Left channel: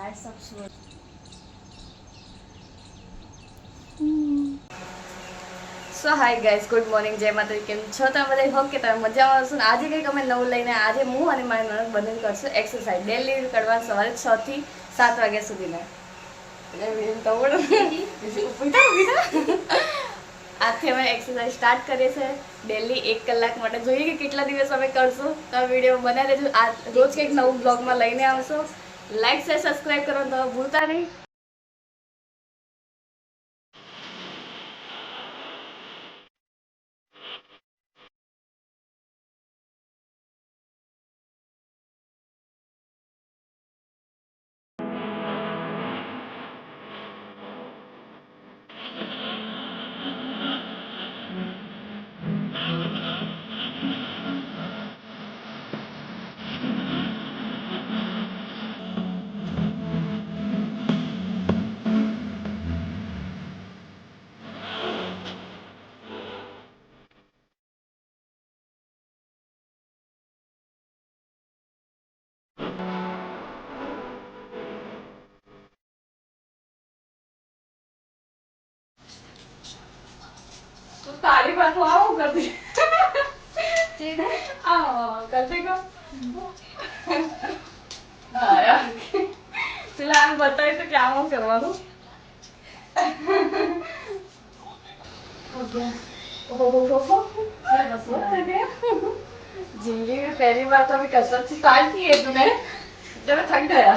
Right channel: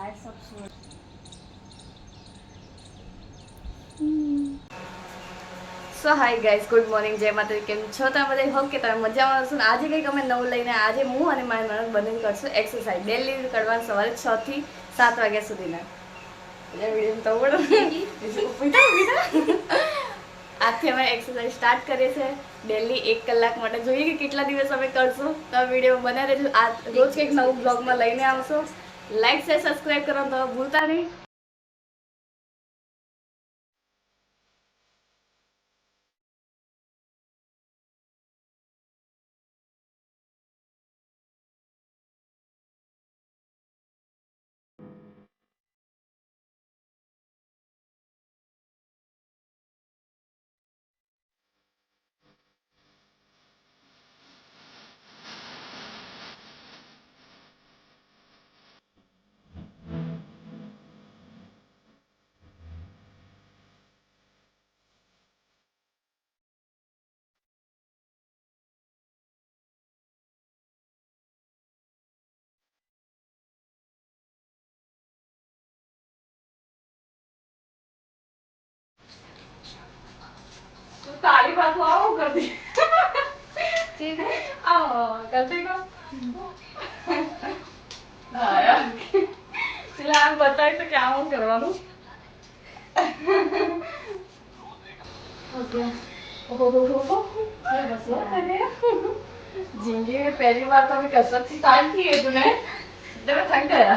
Lights up so. સો hi guys, good morning, જય માતાજી. કેમ છો તમે બધા? હોપ કે તમે મજામાં હશો ને. આજે કંઈક અમે નવું લઈને આજે હું અને મારી નણંદ બંને કરશું એક્સરસાઇઝ. ડેલી કરવાનું સવારે 6 થી 7 વાગ્યા સુધીના. આજથી અમે એક્સરસાઇઝ સ્ટાર્ટ કરીએ છીએ ડેલી 1 કલાક માટે. જોઈએ કે કેટલા દિવસ અમે કરશું. તો વિડીયો બનાવી રહેજો. આ રોજ કંઈક નવું બ્લોગમાં લઈને આવશો. લાઈક શેર સબસ્ક્રાઈબ કરવાનું તો ભૂલતા નહીં. तो ताली बात आओ कर दी आओ करते को हाँ यार चला आप बताइए तो क्या हो करवाऊँ जिंदगी में पहली बार तो अभी कसरत से स्टार्ट की है तूने जब मैं थक गया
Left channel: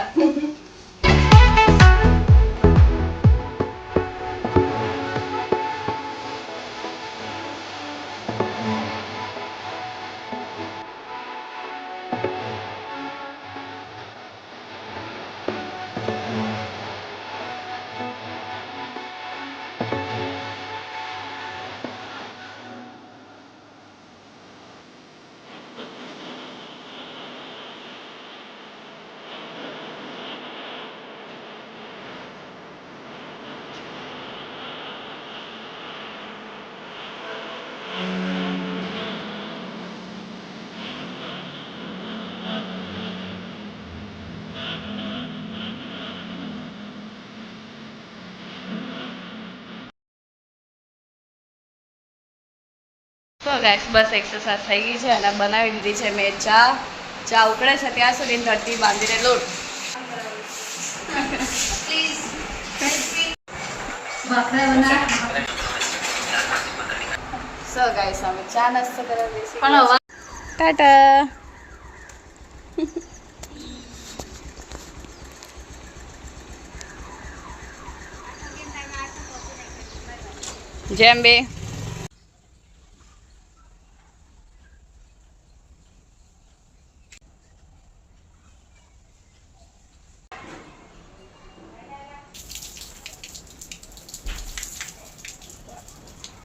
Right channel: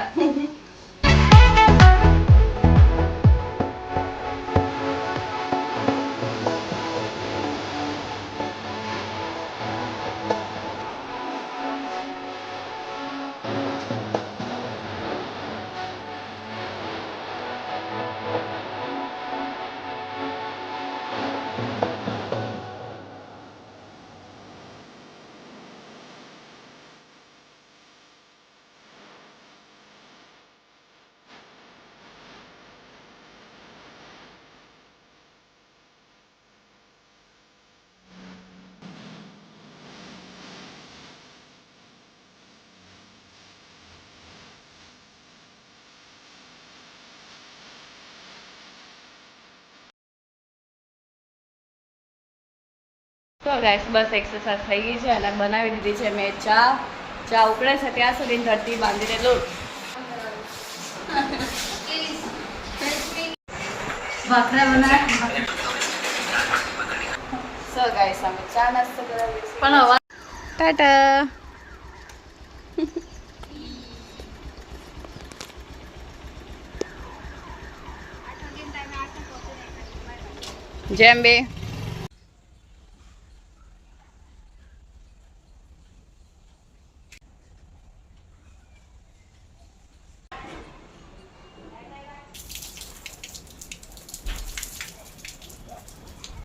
તો ગાઈસ બસ એક્સરસાઇઝ થઈ ગઈ છે અને બનાવી દીધી છે મેં ચા ઉકળે છે ત્યાં સુધી ધરતી બાંધીને લોટ સો ગાઈસ અમે ચા નાસ્તો કરવા બેસી પણ હવે ટાટા જેમ બે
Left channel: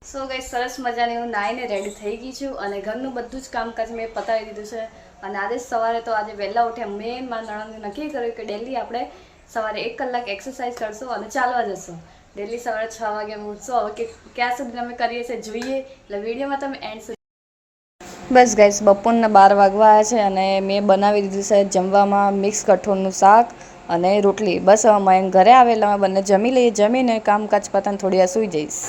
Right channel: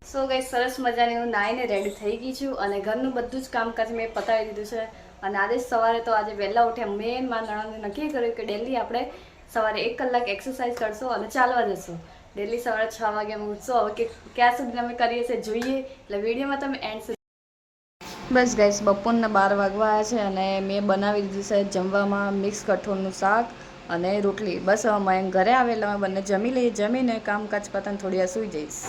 સો ગાઈસ સરસ મજાની હું નાહીને રેડી થઈ ગઈ છું અને ઘરનું બધું જ કામકાજ મેં પતાવી દીધું છે અને આજે સવારે તો આજે વહેલા ઉઠ્યા મેં મારા નણંદે નક્કી કર્યું કે ડેલી આપણે સવારે 1 કલાક એક્સરસાઇઝ કરશું અને ચાલવા જશું. ડેલી સવારે 6 વાગે ઉઠશું. હવે કે ક્યાં સુધી અમે કરીએ છીએ જોઈએ એટલે વિડીયોમાં તમે એન્ડ સુધી બસ ગાઈસ બપોરના 12 વાગવા આવ્યા છે અને મેં બનાવી દીધું છે જમવામાં મિક્સ કઠોળનું શાક અને રોટલી. બસ હવે મેં ઘરે આવેલા અમે બંને જમી લઈએ. જમીને કામકાજ પતાને થોડી વાર સૂઈ જઈશ.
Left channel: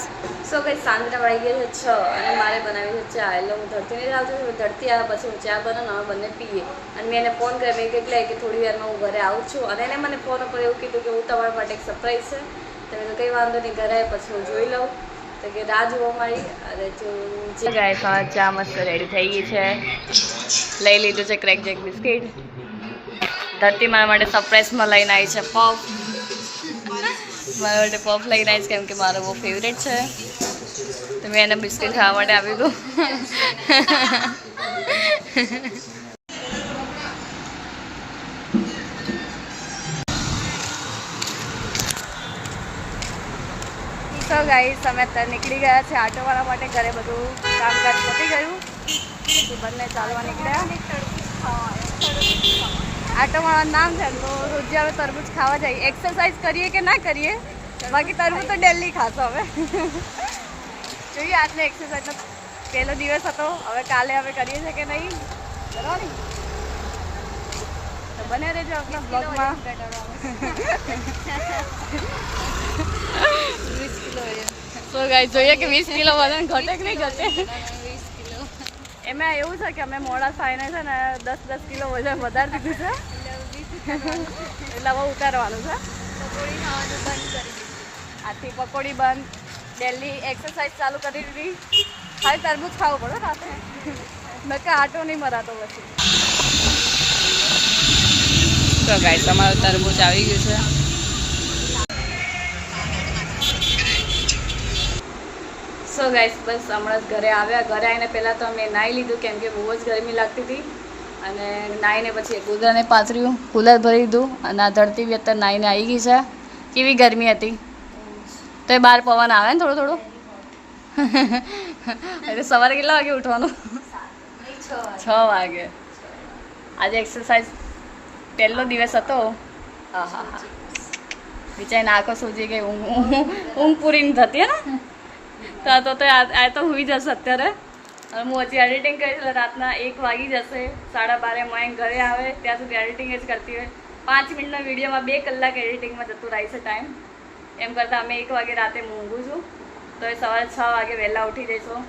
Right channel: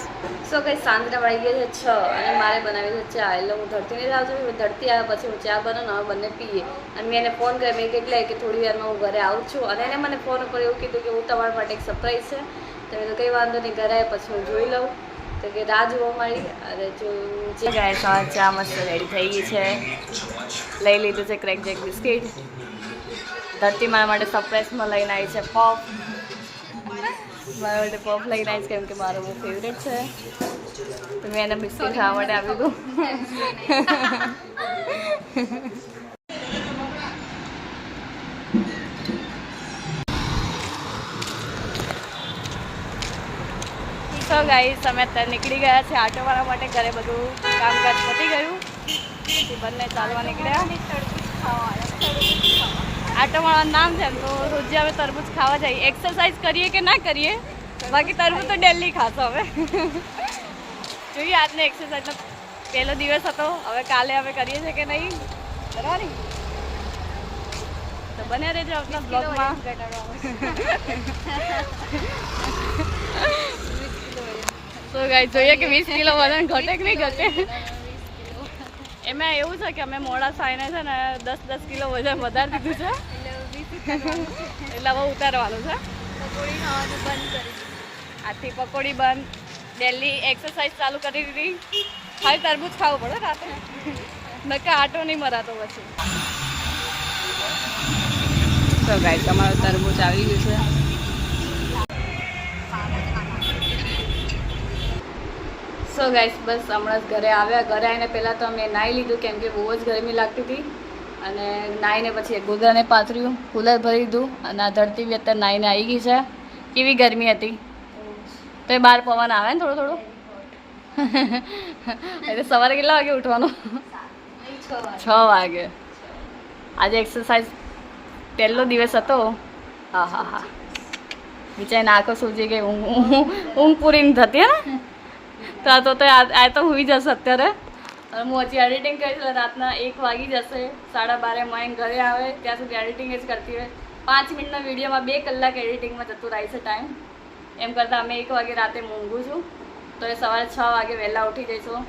સો કંઈ સાંજના વાગી ગયા છે 6 અને મારે બનાવી છે ચા. એટલે હું ધરતીને જ આવતી ધરતી આવ્યા પછી હું ચા બનાવું અમે બંને પીએ. અને મેં એને ફોન કર્યો મેં કેટલા કે થોડી વારમાં હું ઘરે આવું છું અને એને મને ફોન ઉપર એવું કીધું કે હું તમારા માટે એક સરપ્રાઈઝ છે. તમે તો કંઈ વાંધો નહીં ઘરે આવ્યા પછી હું જોઈ લઉં તો કે રાહ જોવા મારી અને જો ગાય ચા મસ્ત રેડી થઈ ગઈ છે. લઈ લીધું છે ક્રેક જેક બિસ્કિટ. ધરતી મારા માટે સરપ્રાઈઝમાં લઈને આવી છે પફ. મારા માટે પફ લઈને આવીશ કેમ કે મારો બહુ ફેવરેટ છે તો મેં એને બિસ્કિટ ખાવા માટે આપ્યું હતું. સો ગાઈસ અમે અત્યારે નીકળી ગયા છે આટો મારવા માટે. ઘરે બધું કામકાજ પતી ગયું પછી બંને ચાલવા નીકળ્યા. આટો મારવાનું નામ છે તો રોજ અમે તરબૂચ ખાવા જઈએ. એક્સરસાઇઝ કરીએ કે ના કરીએ બાકી તરબૂચ તો ડેલી ખાશો હવે. જોઈએ આજનો એક્સરસાઇઝનો પહેલો દિવસ હતો. હવે કાલે અમે કરીએ છીએ કે નહીં બરાબર. તો બને રહેજો આપણા બ્લોગમાં. તો ગાઈસ જોઈએ કે 20 કિલો વજન ઘટે કે નહીં ઘટે. એમાં એવું છે કે અમે મોડા સાઈને છે ને 10 કિલો વજન વધારી દીધું છે એટલે હવે ઉતારવાનું છે. આથી પકોડી બંધ, ડેલી એક્સરસાઇઝ ચાલુ કરી દીધી. ખાલી તરબૂચ ખાવું પડે રાતે, નકા આટો નહીં મરાતો પછી. તો ગાઈસ તમારું તરબૂચ આવી ગયું છે. સો ગાઈસ બસ હમણાં જ ઘરે આવ્યા. ઘરે આવીને પહેલાં તો અમે નાહી લીધું કેમ કે બહુ જ ગરમી લાગતી હતી. અને નાહીને પછી ગોદરાને પાથર્યું, કુલર ભરી દીધું અને આ ધરતી બી અત્યારે નાહીને આવી ગઈ છે. કેવી ગરમી હતી તો એ બહાર પવન આવે ને થોડું થોડું. એટલે સવારે કેટલા વાગે ઉઠવાનું? 6 વાગે. આજે એક્સરસાઇઝ પહેલો દિવસ હતો. હા હા હા બિચારીને આંખો સૂજી ગઈ. ઊંઘ પૂરી નહીં થતી ને તો આ તો હોઈ જશે અત્યારે. હું હજી એડિટિંગ કરી એટલે રાતના 1 વાગી જશે. 12:30 મયંક ઘરે આવે ત્યાં સુધી એડિટિંગ જ કરતી હોય. 5 મિનિટના વિડીયોમાં 2 કલાક એડિટિંગમાં જતું રહે છે ટાઈમ. એમ કરતાં અમે 1 વાગે રાતે ઊંઘું છું. તો એ સવારે 6 વાગે વહેલા ઉઠી જઈશું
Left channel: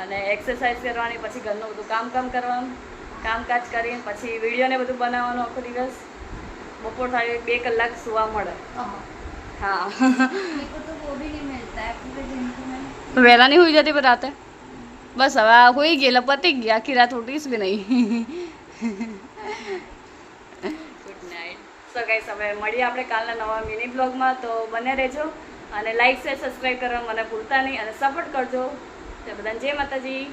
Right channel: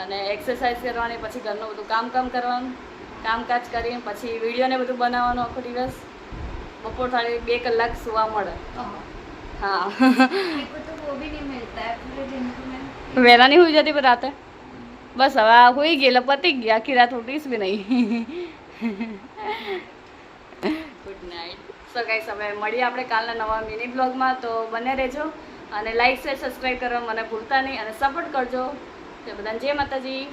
અને એક્સરસાઇઝ કરવાની, પછી ઘરનું બધું કામ કરવાનું, કામકાજ કરીને પછી વિડીયોને બધું બનાવવાનું આખો દિવસ. બપોર થાળી 2 કલાક સુવા મળે. હા વહેલા નહીં હોઈ જતી પણ રાતે બસ હવે આ હોઈ ગઈ એટલે પતી ગઈ. આખી રાત ઉઠીશ બી નહીં. Good night. સો ગાઈસ હવે મળીએ આપણે કાલના નવા મિની બ્લોગમાં. તો બને રહેજો અને લાઈક શેર સબસ્ક્રાઈબ કરવા મને ભૂલતા નહીં અને સપોર્ટ કરજો. તો બધાને જય માતાજી.